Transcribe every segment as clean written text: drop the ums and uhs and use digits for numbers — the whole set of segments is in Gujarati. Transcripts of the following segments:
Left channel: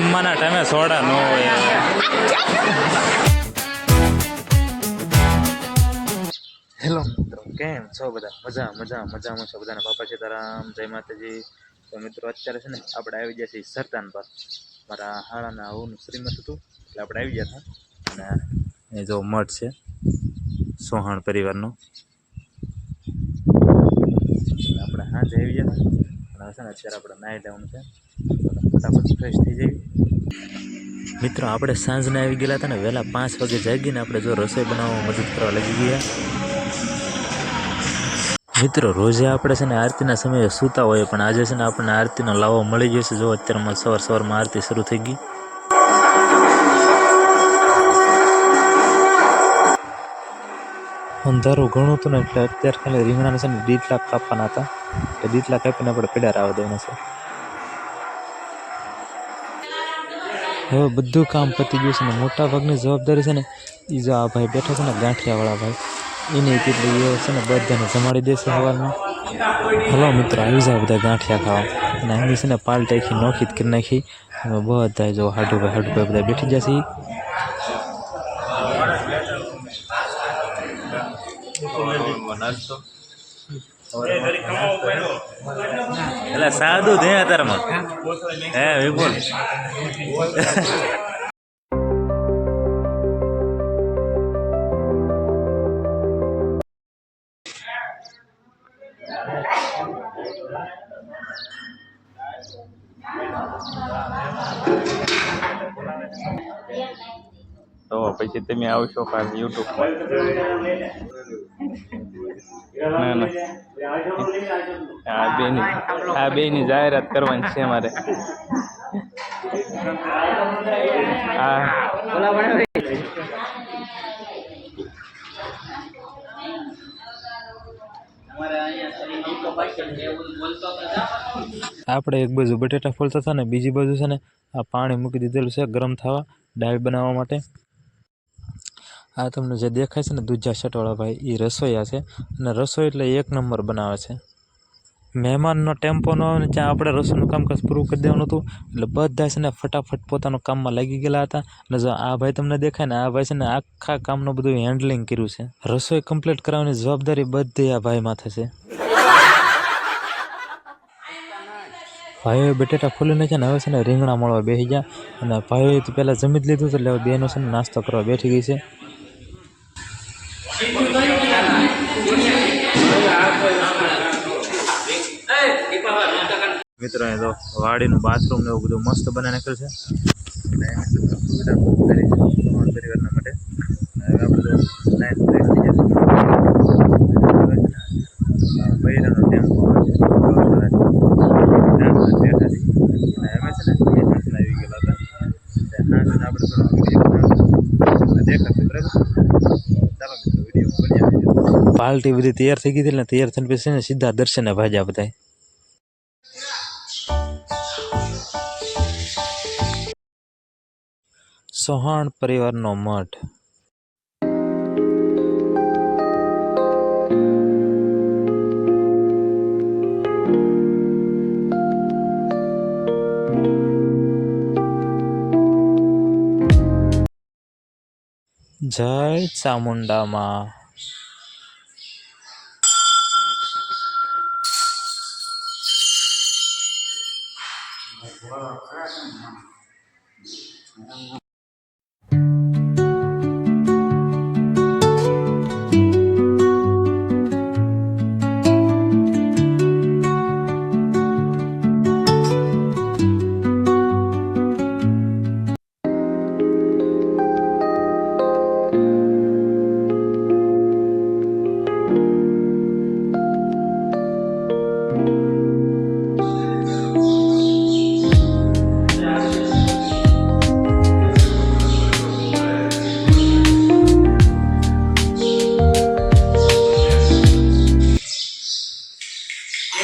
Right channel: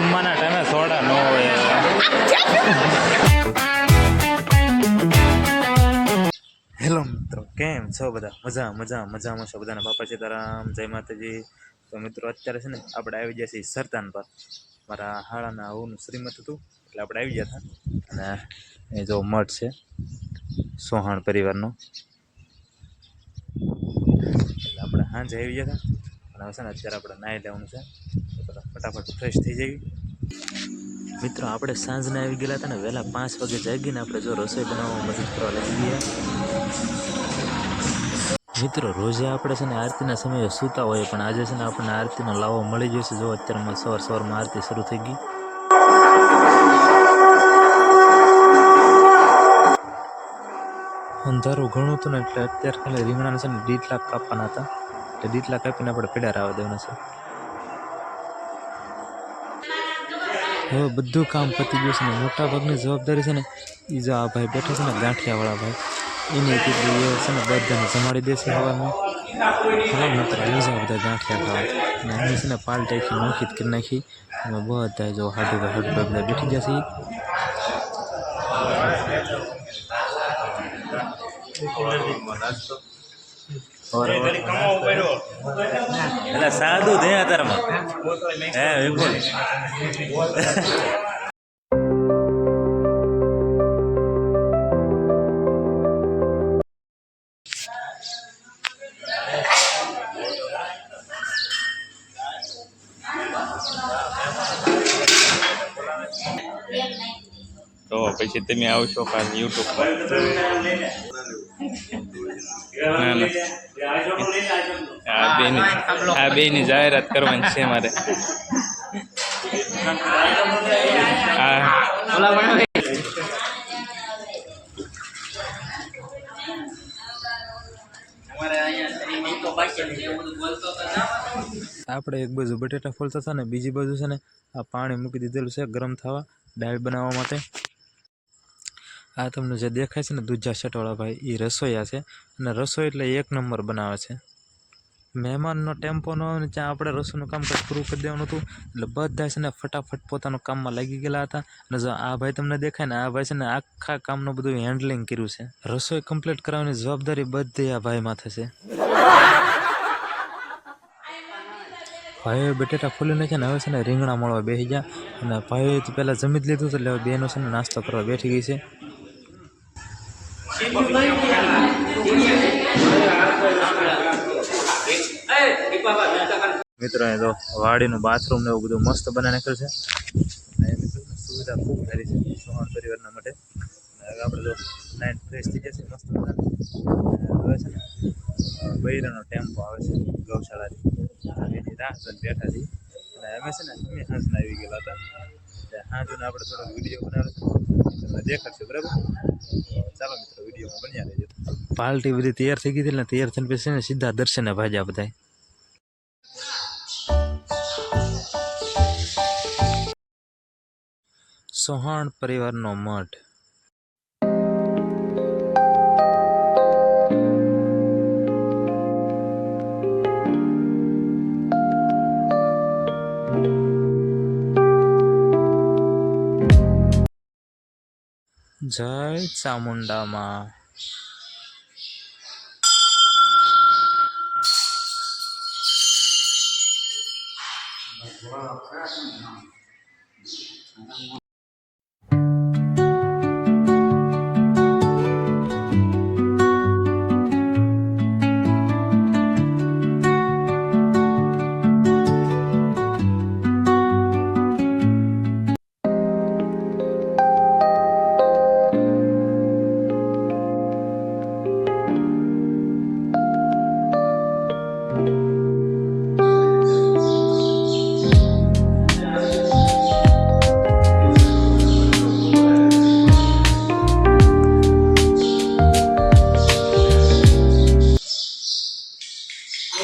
જમવાના ટાઈમે સોડા ન હોય. હેલો મિત્રો, કેમ છો બધા? મજામાં છો બધાને? બાપા સીતારામ, જય માતાજી. તો મિત્રો અત્યારે છે ને આપણે આવી ગયા છીએ સરતાન પર. મારા હાળાના આવું શ્રીમત હતું એટલે આપણે આવી ગયા હતા. અને એ જો મઠ છે સોહાણ પરિવારનો, એટલે આપણે સાંજે આવી ગયા હતા. અને હવે છે ને અત્યારે આપણે નાહી લેવાનું છે, ફટાફટ ફ્રેશ થઈ જઈએ. મિત્રો આપણે સાંજના આવી ગયેલા હતા ને, વહેલા 5 વાગે જાગીને આપણે જો રસોઈ બનાવવા મદદ કરવા લાગી ગયા. મિત્રો રોજે આપણે છે ને આરતીના સમયે સૂતા હોઈએ, પણ આજે છે ને આપણને આરતીનો લાવો મળી ગયો છે. જો અત્યારમાં સવારમાં આરતી શરૂ થઈ ગઈ. અંધારું ઘણું હતું ને, એટલે અત્યારે ખાલી રીંગણાના છે ને દીટલા કાપવાના હતા, તો દીટલા કાપીને આપણે પેડા આવવા દેવાના છે. હવે બધું કામ પતી ગયું છે ને, મોટા ભાગની જવાબદારી છે ને એ જો આ ભાઈ બેઠા છે ને ગાંઠિયાવાળા ભાઈ, એની કેટલી એ છે ને બધાને જમાડી દેશે સવારમાં. હલો મિત્રો, આવી જાય બધા ગાંઠિયા ખાવા. અને આની છે ને પાલ ટાઈખી નોખી કરી નાખી. અમે બધા જો હાડુભાઈ બધા બેઠી જશે. એટલે સાદું દે અત્યારમાં હે વિપુલ. તો પછી તમે આવશો ખાસ યુટ્યુબ પર. આ બેની જાહેરાત કરવાની છે મારે. આપણે એક બાજુ બટેટા ફોલતા હતા ને, બીજી બાજુ છે ને આ પાણી મૂકી દીધેલું છે ગરમ થવા દાળ બનાવવા માટે. આ તમને જે દેખાય છે ને દૂધા છટવાળા ભાઈ, એ રસોઈયા છે. અને રસોઈ એટલે 1 નંબર બનાવે છે. મહેમાનનો ટેમ્પો ન આવે ને ત્યાં આપણે રસોઈનું કામકાજ પૂરું કરી દેવાનું હતું. એટલે બધા છે ને ફટાફટ પોતાના કામમાં લાગી ગયેલા હતા. અને જો આ ભાઈ તમને દેખાય ને, આ ભાઈ છે ને આખા કામનું બધું હેન્ડલિંગ કર્યું છે. રસોઈ કમ્પ્લીટ કરાવવાની જવાબદારી બધી આ ભાઈ માથે છે. ભાઈઓ બટેટા ફોલી નાખ્યા ને, હવે છે ને રીંગણા મળવા બેસી ગયા. અને ભાઈઓ પહેલાં જમી જ લીધું એટલે હવે બેનો છે ને નાસ્તો કરવા બેઠી ગઈ છે. મિત્રો એ તો વાડીનું બાથરૂમ ને એવું બધું મસ્ત બનાવી નાખ્યું છે. અને એની સુવિધા ખૂબ સારી છે સોહાણ પરિવારના માટે. હવે આપણે તો નાઇટ ફ્રેશ થઈ જશે. હવે છે ને બૈરાનો ટેમ્પો આવે છે ગૌશાળાથી, બેઠા છીએ. અને અમે છે ને હાંસના આવી ગયેલા હતા. હાંસને આપણે થોડો વિડીયો બનાવ્યો દેખાશે, બરાબર? ચાલો મિત્રો વિડીયો બની આવી. પાર્ટી બધી તૈયાર થઈ ગઈ હતી ને, તૈયાર થઈને પછી ને સીધા દર્શને ભાજ્યા બધા. સોહાણ પરિવારનો મઠ. જય ચામુંડામાં.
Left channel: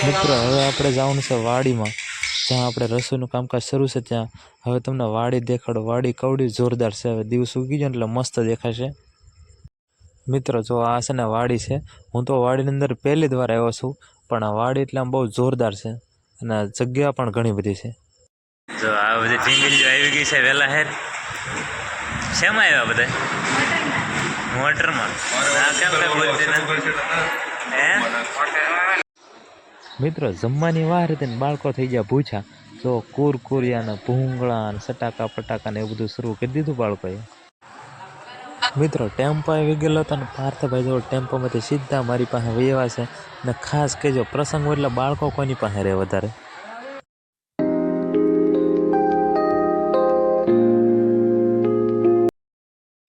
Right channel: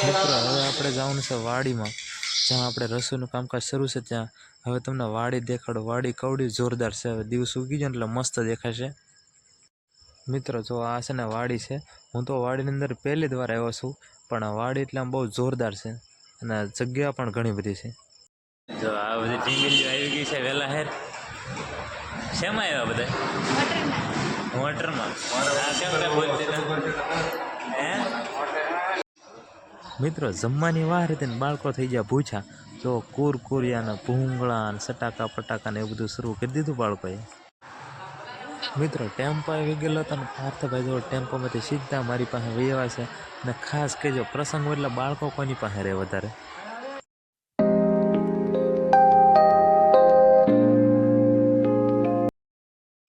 મિત્રો હવે આપણે જવાનું છે વાડીમાં, જ્યાં આપણે રસોઈનું કામકાજ શરૂ છે. ત્યાં હવે તમને વાડી દેખાડો. વાડી કવડી જોરદાર છે. હવે દિવસ ઉગી જાય એટલે મસ્ત દેખાશે. મિત્રો જો આ છે ને વાડી છે. હું તો વાડીની અંદર પહેલી જ વાર આવ્યો છું, પણ આ વાડી એટલે આમ બહુ જોરદાર છે. અને જગ્યા પણ ઘણી બધી છે. જો આ બધી ટીંગલીઓ આવી ગઈ છે વહેલા હેર. શેમાં આવ્યા બધા? મોટરમાં. આ કેમ કઈ બોલતી ને? હે મિત્રો જમવાની વાર હતી ને બાળકો થઈ ગયા ભૂછા. જો કુરકુરિયા ને ભૂંગળા ને સટાકા પટાકા ને એવું બધું શરૂ કરી દીધું બાળકોએ. મિત્રો ટેમ્પો આવી ગયેલો હતો ને પાર્થભાઈ જો ટેમ્પોમાંથી સીધા મારી પાસે વહેવા છે. ને ખાસ કહેજો પ્રસંગ હોય એટલે બાળકો કોની પાસે રહે વધારે.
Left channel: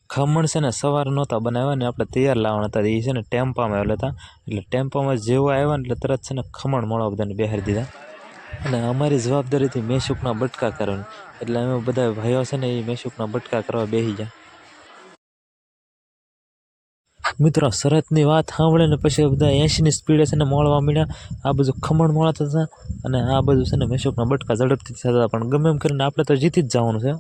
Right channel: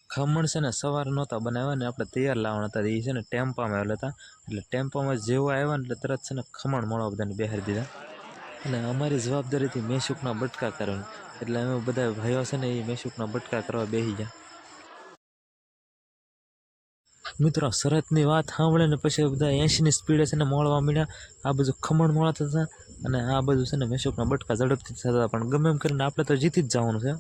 ખમણ છે ને સવારે નહોતા બનાવ્યા ને આપણે તૈયાર લાવવાના હતા. એ છે ને ટેમ્પામાં આવેલા હતા. એટલે ટેમ્પામાં જેવો આવ્યા ને એટલે તરત છે ને ખમણ મળવા બધાને બેહારી દીધા. અને અમારી જવાબદારીથી મેસૂકના બટકા કરવાની. એટલે અમે બધા ભાઈઓ છે ને એ મેસૂકના બટકા કરવા બેસી ગયા. મિત્રો શરતની વાત સાંભળે ને પછી બધા 80ની સ્પીડે છે ને મળવા માંડ્યા. આ બધું ખમણ મળતા હતા અને આ બધું છે ને મેસૂકના બટકા ઝડપથી થતા હતા. પણ ગમે એમ કરીને આપણે તો જીતી જ જવાનું છે.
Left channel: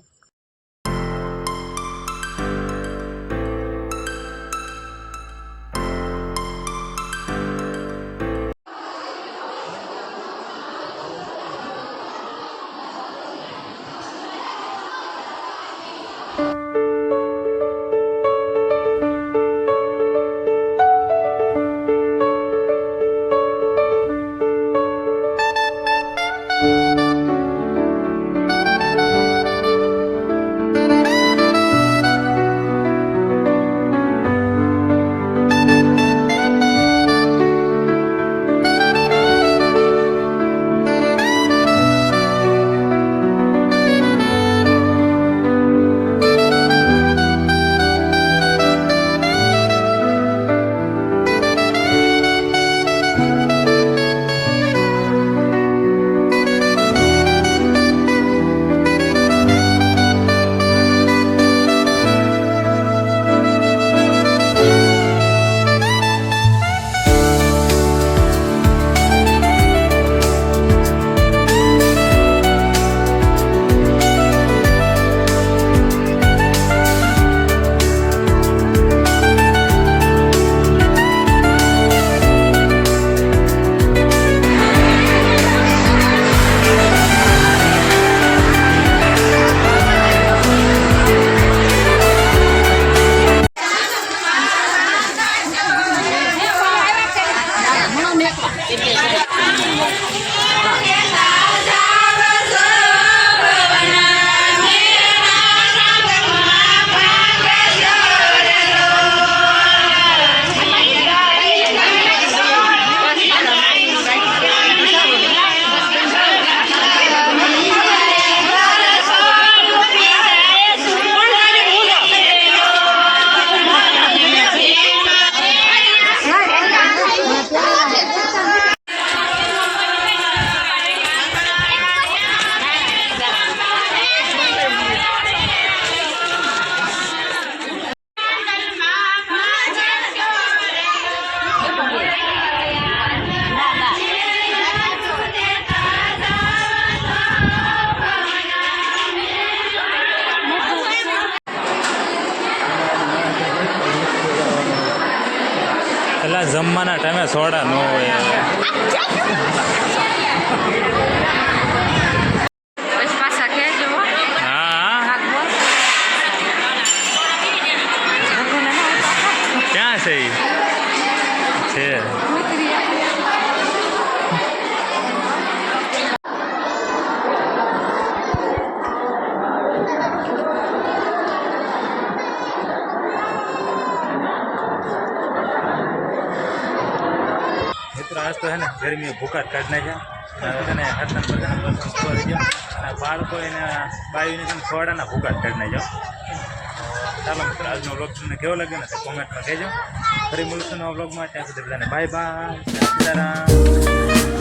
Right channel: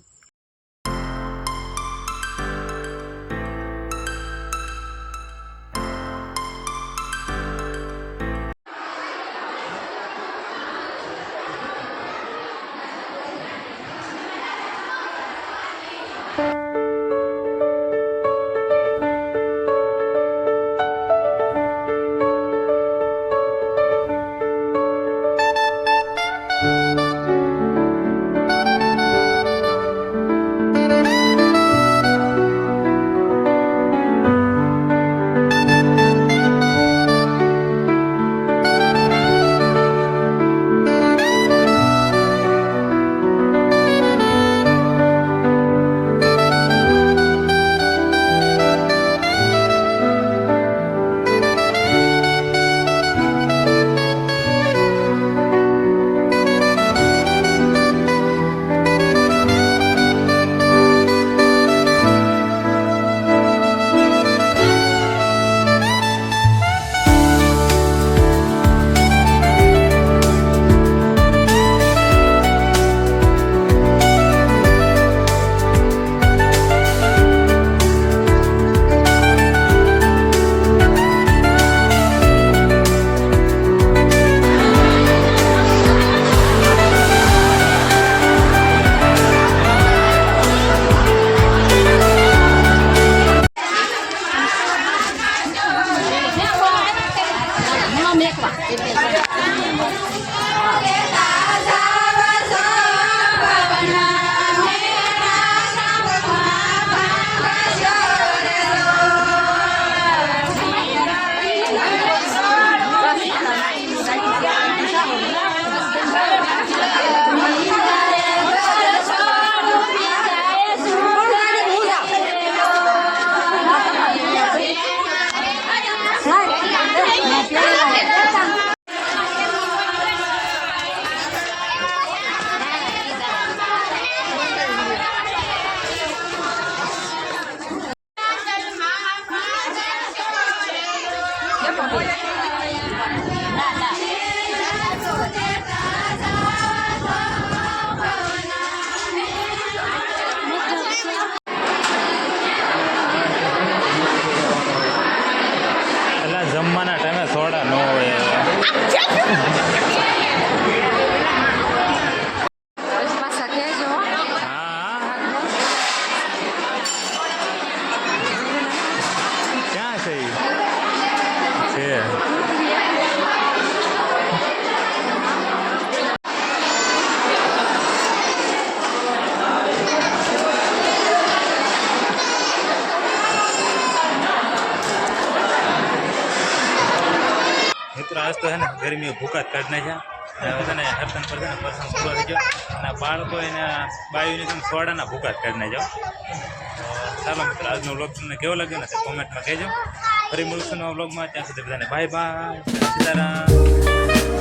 જમવાના ટાઈમે સોડા ન હોય. હા ક્યાં છે છે મિત્રો આજ તો છે ને ગરમીએ ભૂકા જ કાઢી નાખ્યા. હવે છે ને હરતન પર છે ને પ્રસંગ પૂરો થઈ ગયો અને બાળકો એને બાયુને તમે સોડાના ભૂકા જ કાઢી નાખ્યો. ચાલો મિત્રો આજનો વ્લોગ તમને કેવો લાગ્યો ને તે કોમેન્ટમાં કહેજો. ફરી મળશું નવા વ્લોગમાં. ત્યાં સુધી બધાને બાય બાય. સીતારામ.